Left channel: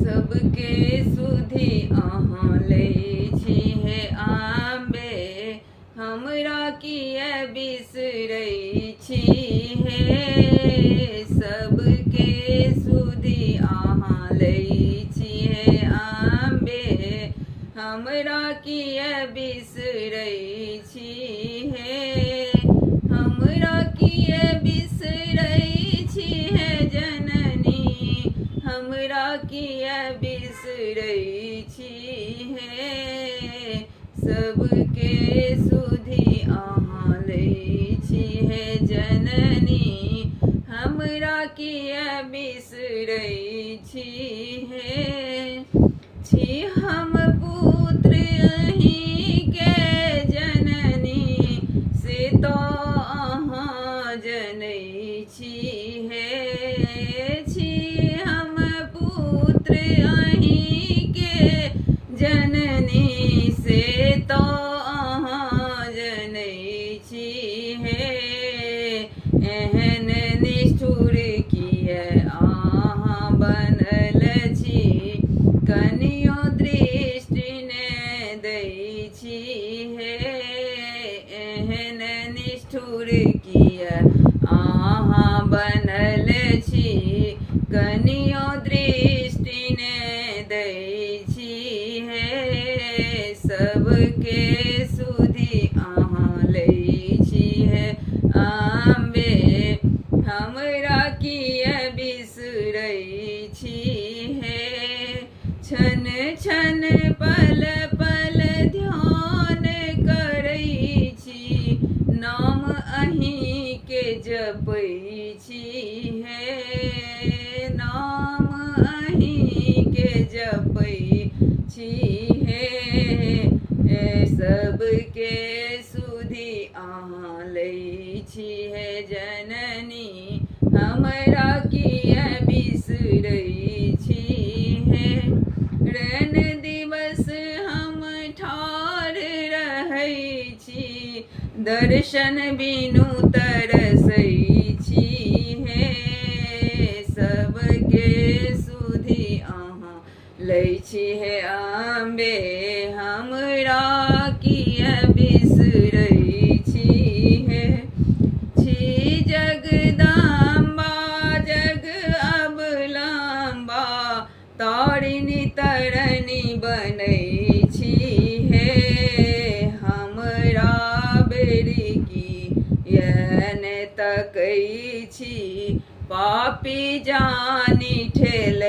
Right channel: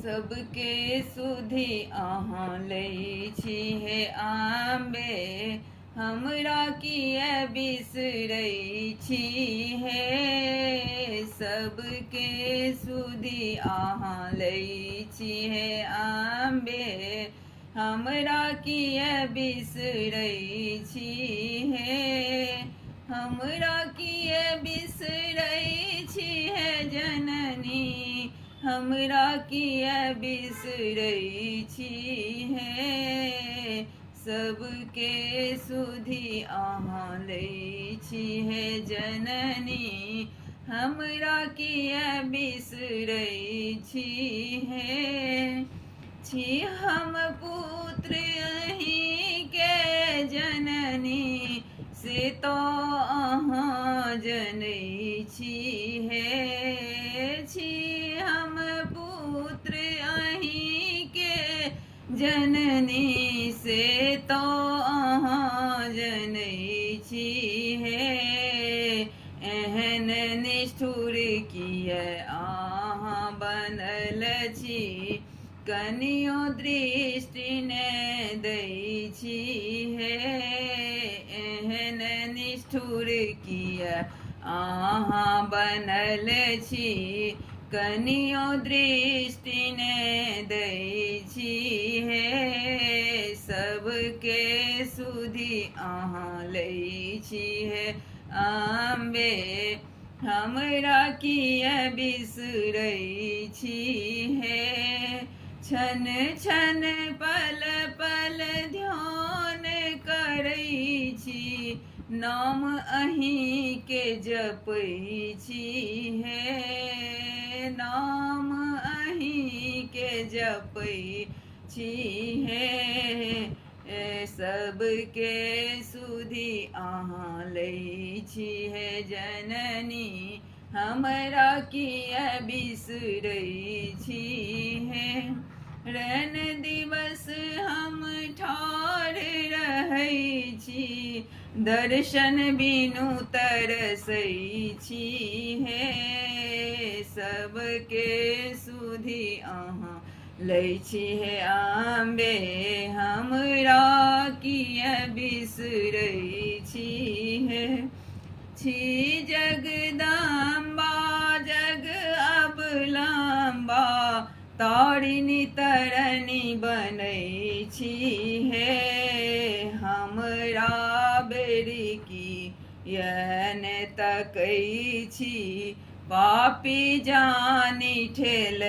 सबके सुधी अहाँ लै छी हे आंबे, हमरा किए बिसरै छी हे। सबके सुधी अहाँ लै छी हे आंबे, हमरा किए बिसरै छी हे। हमरा किए बिसरै छी हे जननी, हमरा किए बिसरै छी हे। सबके सुधी अहाँ लै छी हे जननी, हमरा किए बिसरै छी हे। छी हम पुत्र अहींके जननी, से तो अहाँ जनै छी हे। छी हम पुत्र अहींके जननी, से तो अहाँ जनै छी हे। एहन निष्ठुर किए अहाँ बनल छी, कनियो दृष्टि ने दै छी हे। एहन निष्ठुर किए अहाँ बनल छी, कनियो दृष्टि ने दै छी हे। सबके सुधी अहाँ लै छी हे आंबे, हमरा किए बिसरै छी हे। छन छन पल पल ध्यान करै छी, नाम अहींके जपै छी हे। नाम अहींके जपै छी हे। सबके सुधी अहाँ लै छी हे जननी, हमरा किए बिसरै छी हे। रैन दिवस हम ठाढ़ रहै छी, दर्शन बिनु तरसै छी हे। सबके सुधी अहाँ लै छी हे आंबे, हमरा किए बिसरै छी हे। छी जगदम्बा जग अवलंबा, तारिणी तरनी बनै छी हे। हमरा बेरी किए ने तकै छी, पापी जानी ठेलै